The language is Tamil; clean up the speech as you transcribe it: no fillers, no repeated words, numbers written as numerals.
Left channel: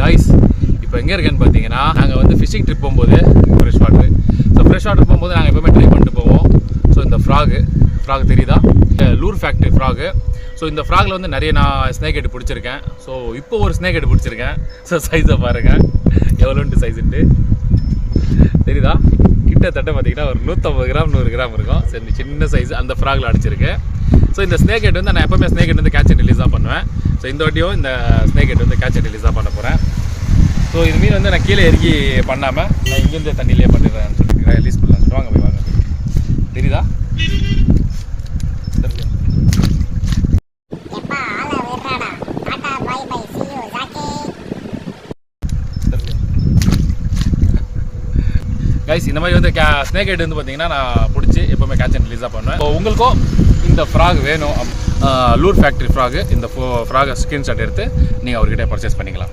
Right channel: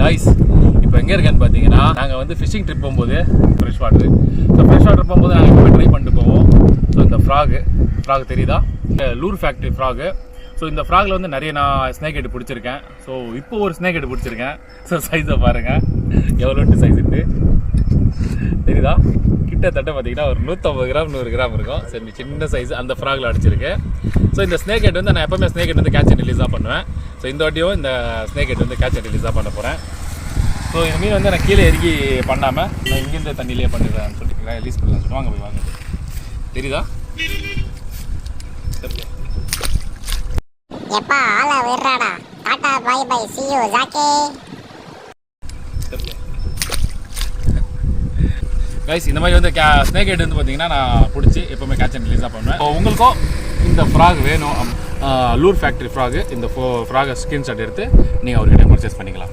காய்ஸ் இப்போ எங்கே இருக்கேன்னு பார்த்தீங்கன்னா, நாங்கள் வந்து ஃபிஷிங் ட்ரிப் போகும்போது fresh water. So fresh water போகும்போது நாங்கள் எப்பவுமே ட்ரை பண்ணிட்டு போவோம். ஸோ இந்த ஃப்ராக் தெரியுதா, இந்த லூர் ஃபேக்ட்ரி ஃப்ராகு. ஸோ இந்த ஃப்ராகில் வந்து நிறைய நான் ஸ்னேக் ஹெட் பிடிச்சிருக்கேன். ஸோ இப்போ ஒரு ஸ்னேக் ஹெட் பிடிச்சிருக்கேன். ஸோ சைஸை பாருங்கள், எவ்வளோன்ட்டு சைஸுட்டு தெரியுதா. கிட்டத்தட்ட பார்த்தீங்கன்னா ஒரு 150 கிராம் 100 கிராம் இருக்கும். சரி, சின்ன சைஸ் அந்த ஃப்ராகில் அடிச்சிருக்கு. ஸோ இந்த ஸ்னேக் ஹெட் வந்து நான் எப்போவுமே ஸ்னேக் ஹெட் வந்து கேட்ச் அண்ட் ரிலீஸாக பண்ணுவேன். ஸோ இந்த வாட்டியும் இந்த ஸ்னேக் ஹெட் வந்து கேட்ச் அண்ட் ரிலீஸாக பண்ண போகிறேன். ஸோ இந்த மீன் வந்து நான் கீழே இறக்கி பண்ணாமல் நான் இங்கிருந்த தண்ணியிலே பண்ணிடுறேன் சொல்லிட்டு ரிலீஸ் பண்ணுறேன். வாங்க போய் வாங்க. தெரியுதா? கைஸ், இந்த மாதிரி வந்து ஸ்னேக் ஹெட் வந்து பார்த்தீங்கன்னா நான் பிடிச்சி எப்போவுமே கேட்ச் அண்ட் ரிலீஸாக பண்ணுவேன். இப்போ உங்களுக்கும் இந்த ஃப்ராக் வேணும், லூர் ஃபேக்ட்ரி ஃப்ராகு, இந்த ஃப்ராகை ஸ்க்ரீன்ஷாட் எடுத்து நீங்கள் அவர்கிட்ட பர்ச்சேஸ் பண்ணிக்கலாம்.